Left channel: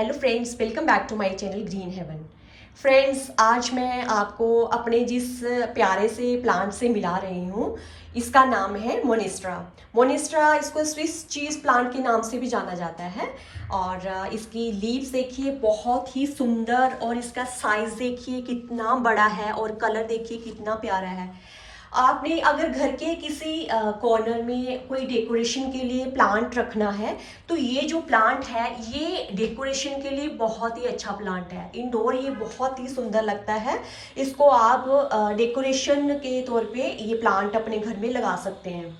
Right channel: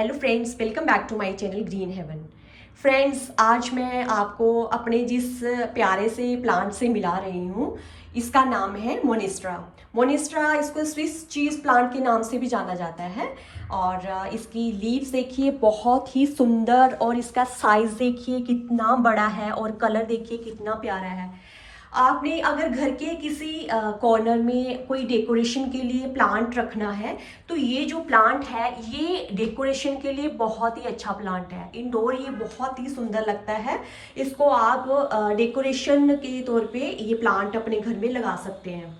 Hello friends, welcome back to my channel green heaven. Friends, आज मैं आपको अपने जिस प्यारे से प्लांट से मिला रही हूँ, इसका नाम है मोनेस्ट्रा। मोनेस्ट्रा इसको स्विस चीज़ प्लांट के नाम से भी जाना जाता है। और इसकी लीव्स देखिए बहुत ही सुंदर, और इसका साइज़ देखिए कितना बड़ा है, और कलर देखिए कितना प्यारा है। आपने अगर घर के किसी कॉर्नर में कोई डेकोरेशन के लिए प्लांट रखना है, तो ये जो प्लांट है ये डेकोरेशन के लिए बहुत ही अच्छा प्लांट है। इंडोर ये बहुत ही सुंदर लगता है। इसको आप डेकोरेशन के तौर पे ये प्लांट अपने घर में लगा सकते हैं।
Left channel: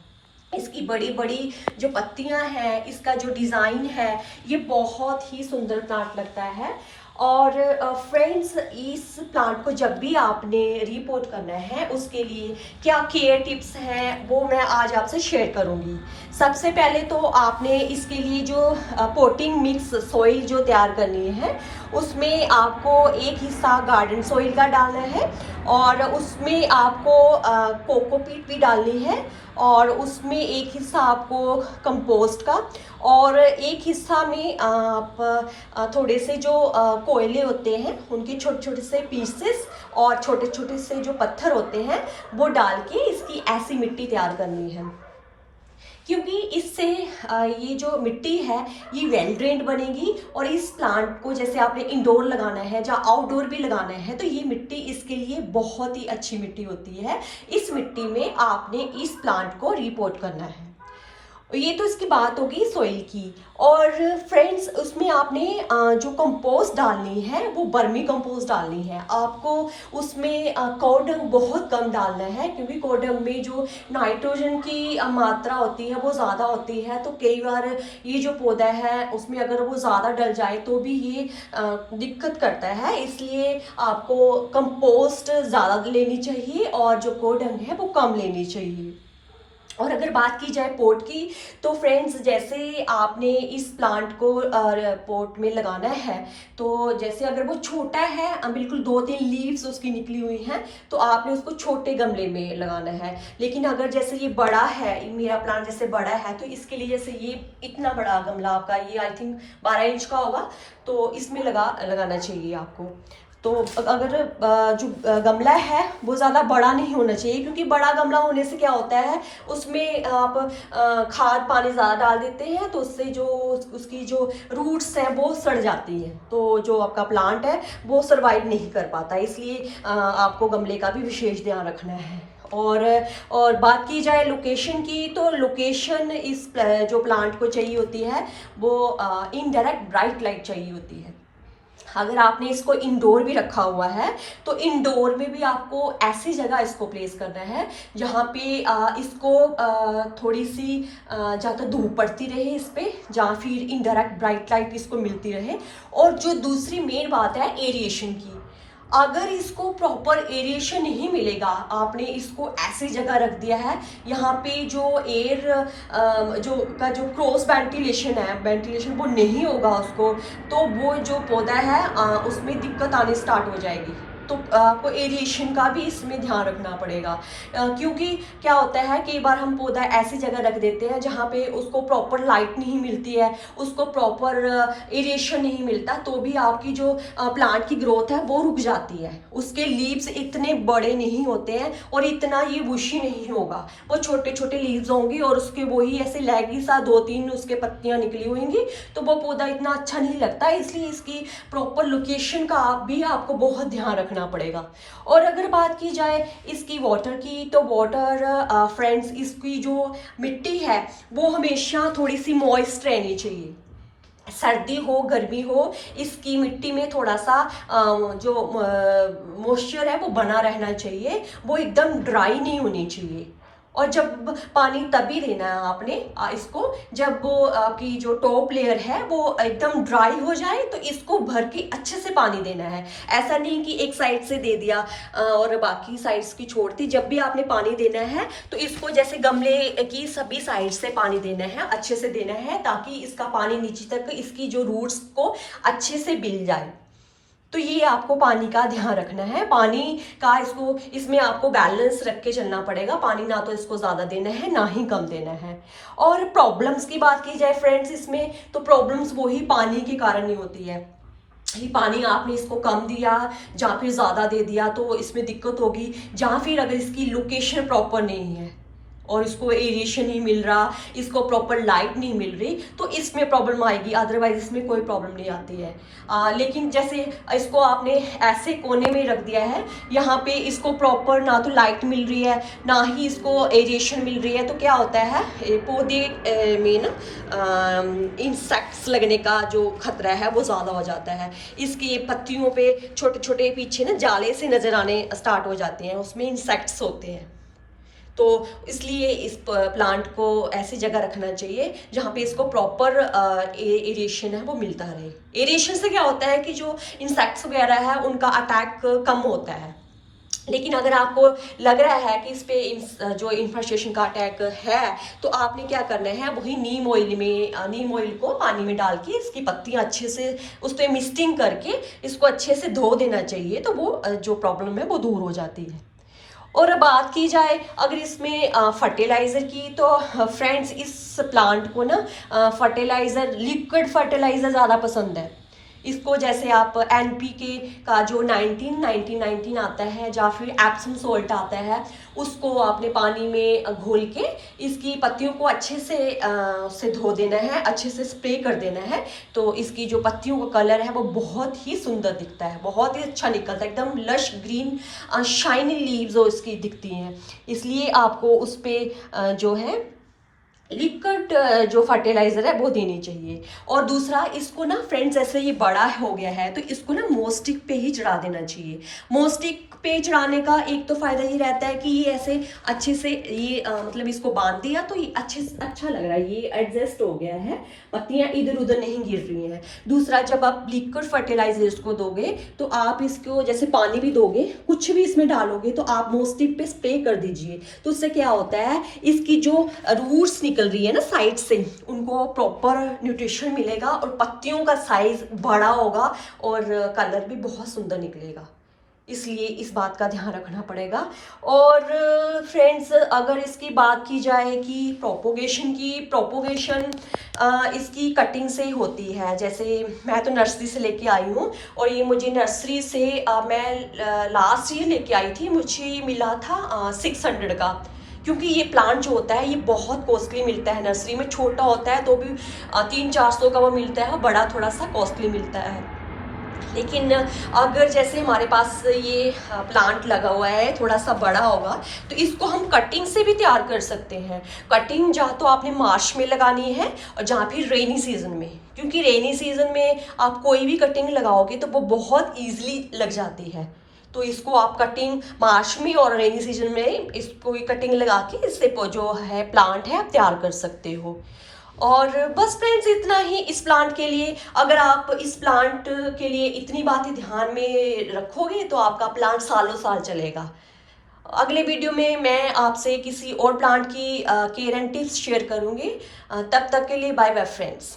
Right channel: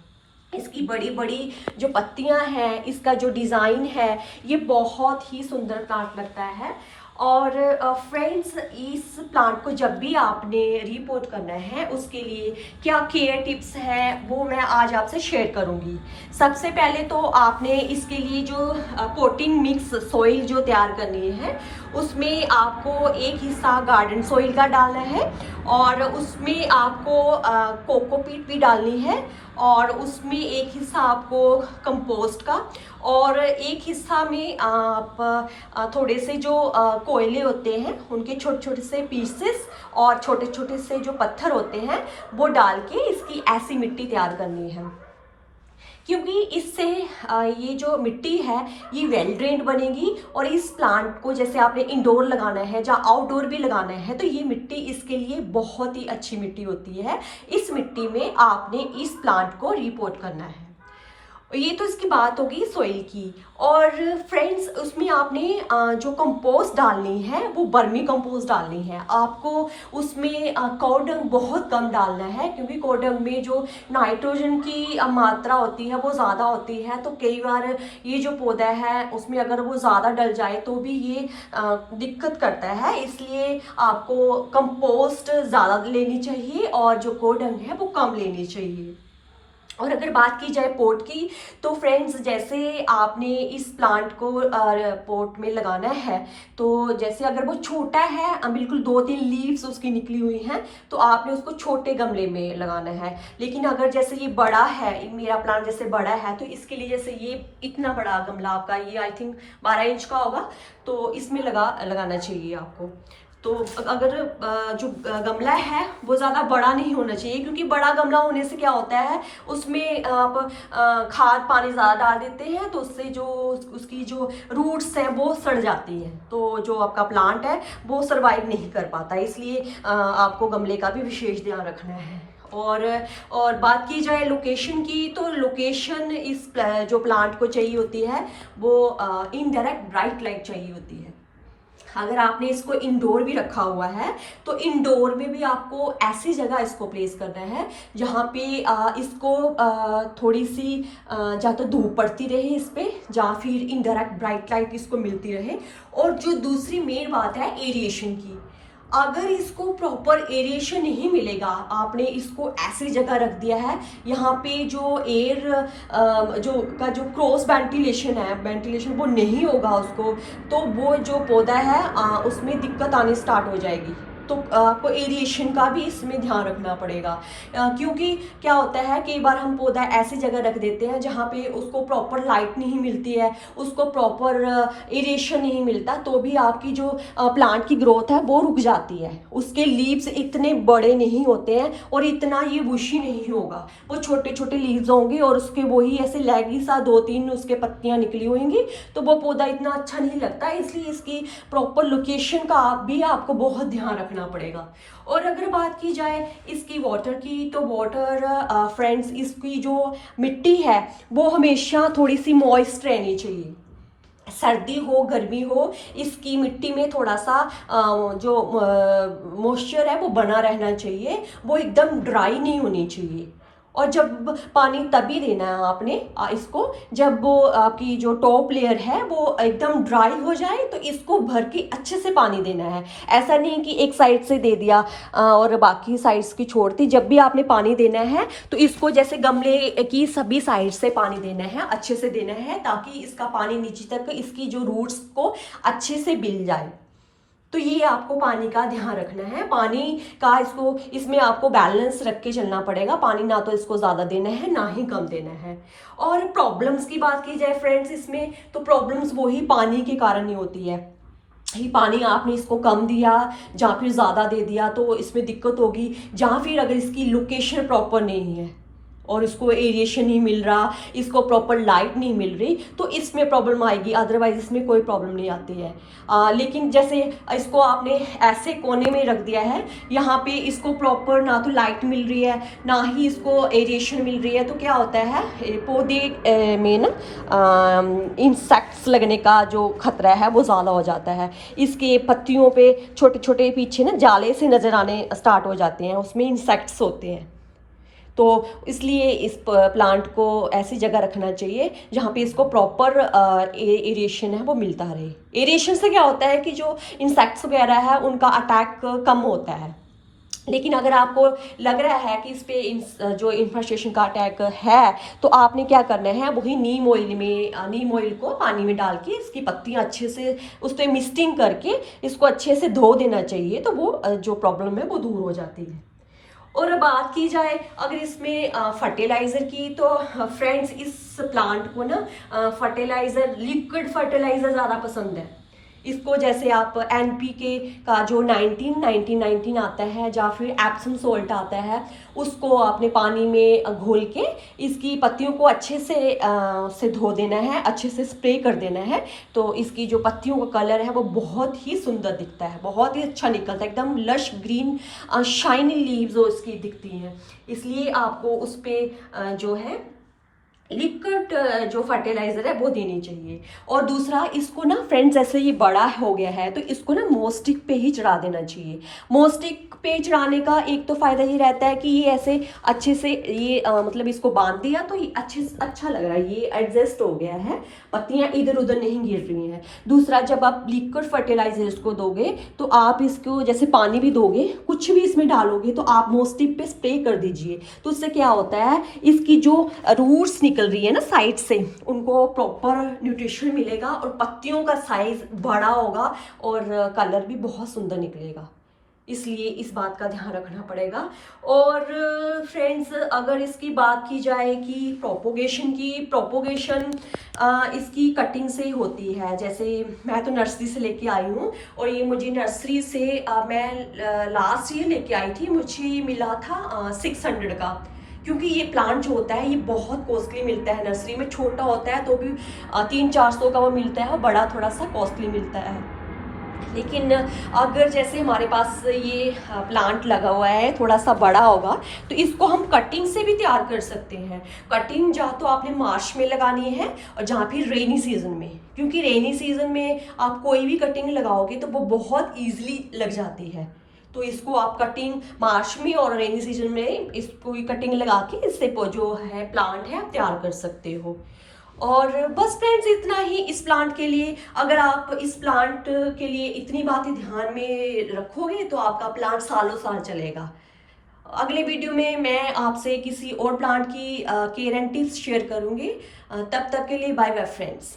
इसकी बड़ी बड़ी जो पत्तियां हैं, इसका जो डिज़ाइन है, ये बहुत ही सुंदर प्लांट लगता है। और फ्रेंड्स, इस प्लांट को जब भी आपने रिपोर्ट करना है, उसके लिए क्या केयर टिप्स हैं वो मैं आज आपसे शेयर करूंगी। सबसे पहले तो आपने इसके लिए जो पोटिंग मिक्स सॉइल जो तैयार करनी है, उसमें आपको एक हिस्सा गार्डन सॉइल का डालना है, और उसमें आपको कोकोपीट भी डालनी है, और उसमें एक हिस्सा आपको कंपोस्ट का, और एक हिस्सा में आप थोड़े से जो कोयले होते हैं उनके छोटे छोटे से पीसेस, और छोटे छोटे से जो पत्थर होते हैं वो डाल के इसकी ऐसी मिट्टी तैयार करनी है। क्योंकि इससे ये जो मिट्टी है ये वेल ड्रेन्ड बनेगी, और इस प्लांट को जैसे आपने इंडोर लगाना है या आउटडोर भी लगाना है, तो ये मिट्टी इसके लिए बहुत ही अच्छी मिट्टी होती है। इस मिट्टी में आपने इस प्लांट को रिपोर्ट करना है। ये तो इसकी बात होगी सोइल की। और फ्रेंड्स, उसमें आपने जो कंपोस्ट डालनी है वो बर्मी कंपोस्ट डालनी है आपको। उसमें कोडंग बहुत कम डालना है, क्योंकि कोडंग में जो नाइट्रोजन की मात्रा होती है वो ज़्यादा होती है। तो कई बार ये जो पौधा है उसमें अगर वो ज़्यादा डल जाए तो भी ये दिक्कत करता है। इसलिए आपको कंपोस्ट ज़्यादा लेनी चाहिए, और जो कोडंग है वो कम लेनी चाहिए। और अगर बात की जाए पोट की, तो फ्रेंड्स, जैसे आपने इस प्लांट को पोट में लगाना है, तो जैसे अगर वो छोटा है, बिल्कुल 2-3 लीव्स उसकी निकली हुई हैं, तो आपने उसको छोटे गमले में लगाना है। लेकिन अगर जैसे ये बड़ा है, मेरा प्लांट जैसे बड़ा है, तो इसके लिए जैसे ये इतना बड़ा गमला आपका, ये आई थिंक 12 इंच का होगा, तो इसमें लगाना चाहिए आपको। तो अगर जो गमला है वो ज़्यादा बड़ा नहीं होना चाहिए, क्योंकि बड़ा गमला होने से क्या होता है, उसमें आप खाद पानी ज़्यादा डाल देते हैं, तो उससे जो उसकी जो रूट्स हैं वो सड़ जाती हैं, तो जो आपका प्लांट है वो सरवाइव नहीं कर पाता। इसलिए आपको गमले का भी विशेष ध्यान रखना है। और बात की जाए लोकेशन की, तो लोकेशन इस जो प्लांट को चाहिए होती है वो इनडायरेक्ट ब्राइट लाइट चाहिए होती है। अगर आपने इसको इंडोर भी रखा हुआ है, तो इंडोर में भी आपको ऐसी जगह इसको प्लेस करना है जहाँ पे इसको थोड़ी सी या तो धूप पड़ती रहे इस पे, या फिर इनडायरेक्ट ब्राइट लाइट इसको मिलती रहे। और जो दूसरी मेन बात है एरिएशन की, अगर इसको प्रॉपर एरिएशन नहीं मिलेगा, आपने इसको ऐसी जगह रख दिया है यहाँ पे जो एयर जो क्रॉस वेंटिलेशन है, वेंटिलेशन वो नहीं होगा उसको, तो वो जो पौधा है उसमें दिक्कत आनी स्टार्ट हो जाएगी। तो आपको एरिएशन का भी इसमें ध्यान रखना पड़ेगा। क्योंकि क्या होता है, कई बार हम पौधा ऐसी जगह रख देते हैं जहाँ पे उसको प्रॉपर लाइट नहीं मिलती है, उसको प्रॉपर एरिएशन नहीं मिलता, तो भी आपकी जो प्लांट की ग्रोथ है वो रुक जाती है। उसके लीव्स इतने बड़े नहीं होते हैं, और इतना ये बुशी नहीं होगा, वो छोटे छोटे लीव्स होंगे, और उसके वही ऐसे लैगी सा 2-3 उसके पत्तियां निकली होंगी, तो वो पौधा इतना अच्छा नहीं लगता। इसलिए इसकी प्रॉपर लोकेशन का भी आपको बहुत ध्यान रखना पड़ेगा। और अगर बात की जाए इसकी वाटर की, तो वाटर फ्रेंड्स, इसकी जो मिट्टी है वो हमेशा थोड़ी सी मॉइस्ट रहनी चाहिए। सर्दी हो गर्मी हो, इसकी मिट्टी में थोड़ा सा जो मॉइस्चर है वो बना रहना चाहिए, वो एकदम ड्राई नहीं होनी चाहिए। और जब पानी तभी देना है आपने इसको, जब वो आपकी जो टॉप लेयर है वो एकदम ड्राई हो जाए, तो इसको भर के अच्छे से पानी देना है। ऐसा नहीं कि एक साइड से दे दिया और बाकी साइड्स की छोड़ दी। जब भी आपने पानी देना है तो इसको जैसे गमले की सभी साइड से पानी देना है, अच्छे से देना है, ताकि इसका पानी नीचे तक इसकी जो रूट्स को अच्छे से मिल जाए। तो ये आपको पानी का ध्यान रखना है, पानी का इसमें आपको बैलेंस रख के चलना पड़ेगा। पानी ना तो इसको ज़्यादा देना है ना ही कम देना है। और प्रॉब्लम्स की बात की जाए फ्रेंड्स इसमें, तो प्रॉब्लम्स वही पानी के कारण ही होती है। ये पानी आपने इसको कम दिया या फिर ज़्यादा दे दिया तो इसमें दिक्कत होगी, या फिर अगर इसकी लोकेशन प्रॉपर नहीं है और इसको एरिएशन नहीं मिल रहा, इसको प्रॉपर लाइट नहीं मिल रही, तो इसमें प्रॉब्लम आएगी। अदरवाइज इसमें कोई प्रॉब्लम नहीं आती है। लेकिन जैसे इसको आपने ऐसे कोने में रख दिया है, यहाँ पे इसको प्रॉपर ना तो लाइट मिल रही है ना ही इसको एरिएशन मिल रही है, तो क्या होता है पौधे में ना इंसेक्ट्स लगने का जो खतरा है वो ज़्यादा हो जाता है। इसके पत्तियों पे छोटे छोटे पीछे ना जाले से नज़र आने स्टार्ट हो जाते हैं, उसमें इंसेक्ट्स होते हैं। तो इसलिए इस प्लांट को ऐसी जगह रखना चाहिए जहाँ पे इसको प्रॉपर एरिएशन है वो मिलता रहे। एरिएशन से क्या होता है कि जो इंसेक्ट्स वगैरह है उनका अटैक कम होता है। लेकिन अगर आपको लग रहा है कि इस पे जो इन्फेस्टेशन का अटैक है, तो आपने क्या करना है, वही नीम ऑयल को पानी में डाल के इसकी पत्तियां अच्छे से उस पर मिस्टिंग करके इसको अच्छे से धो देना चाहिए, तो वो जो प्रॉब्लम है वो दूर हो जाती है। और बात की जाए अगर इसमें फर्टिलाइज़र की, तो फ्रेंड्स इस प्लांट को ना फर्टिलाइज़र, लिक्विड फर्टिलाइज़र ज़्यादा पसंद है इसको। जैसे आप NPK का जो 19 आता है या फिर एप्सम सोल्ट आता है, उसको आपने पानी में घोल के इसकी पत्तियों को अच्छे से धो देना है, अच्छे से स्प्रे कर देना है। तो इसकी जो पत्तियों का कलर है वो बहुत ही सुंदर दिखता है, बहुत ही अच्छा निकलता है, एकदम लश ग्रीन शाइनी लीव्स जो इसकी दिखती हैं। इसलिए आपको उस पर जो है लिक्विड जो फर्टिलाइज़र है वो देनी चाहिए। और दूसरा, इसको ना फ्रेंड्स जैसे ये बड़ा हो गया है तो इसको ना मोस्टिक पे ही चढ़ा देना चाहिए। मोस्टिक पे चढ़ाने का एक तो फ़ायदा ये रहता है कि ये ऐसे अच्छे से ये मतलब इसको बांध दिया तो ये अच्छा लग रहा है, ये एडजस्ट हो गया है, पत्तियाँ इधर उधर नहीं गिर रही हैं। दूसरा, जब आप लिक्विड फर्टिलाइजर इसको दोगे तो आप इसको जैसे पानी भी दोगे, कुछ भी इसमें डालोगे तो आप मोस्टिक पे स्प्रे कर दीजिए। तो उससे क्या होता है, इसकी जो रूट्स निकल रही है ना साइड से, उनको प्रॉपर न्यूट्रिशन मिलेगा और पत्तियों का साइज बड़ा होगा और कलर भी बहुत सुंदर निकलेगा। इसलिए इस बात का ध्यान रखना पड़ेगा। और फ्रेंड्स, अगर इसकी बात की जाए कि प्रोपोगेशन इसकी कटिंग से ही होती है। जैसे मैं तो नर्सरी से लेके आई हूँ और ये मुझे नर्सरी से मैं लास्ट ईयर लेके आई थी, मुझे मिला था 600 का। क्योंकि ये प्लांट जो होता है ये बहुत कॉस्टली मिलता है नर्सरी में, छोटा होता है तो भी 300-400 का वो मिलता है, और बड़ा थोड़ा सा कॉस्टली मिलता है। लेकिन अगर जैसे हमारे पास ये प्लांट लगा हुआ है, थोड़ा सा बड़ा होगा, तो इसको हम कटिंग से भी तैयार कर सकते हैं। कटिंग जहाँ तो आपने मार्च में लगानी है और जहाँ फिर रेनी सीजन में, क्योंकि रेनी सीजन में आप कोई भी कटिंग लगाओगे तो वो बहुत ईजिली लग जाती है। तो इसको आप कटिंग मार्च में और रेनी सीजन में इसको कटिंग लगा के इससे जो है प्लांट है आप तैयार कर सकते हो। और बस फ्रेंड्स, इतना ही इस प्लांट के लिए। अगर आप इस प्लांट के लिए इतनी बातें ध्यान में रखोगे तो आपका प्लांट सालों साल चलेगा। अगले वीडियो में मैं आपसे किसी और प्लांट की केयर एंड टिप्स शेयर करूँगी। तब तक के लिए बाय बाय फ्रेंड्स।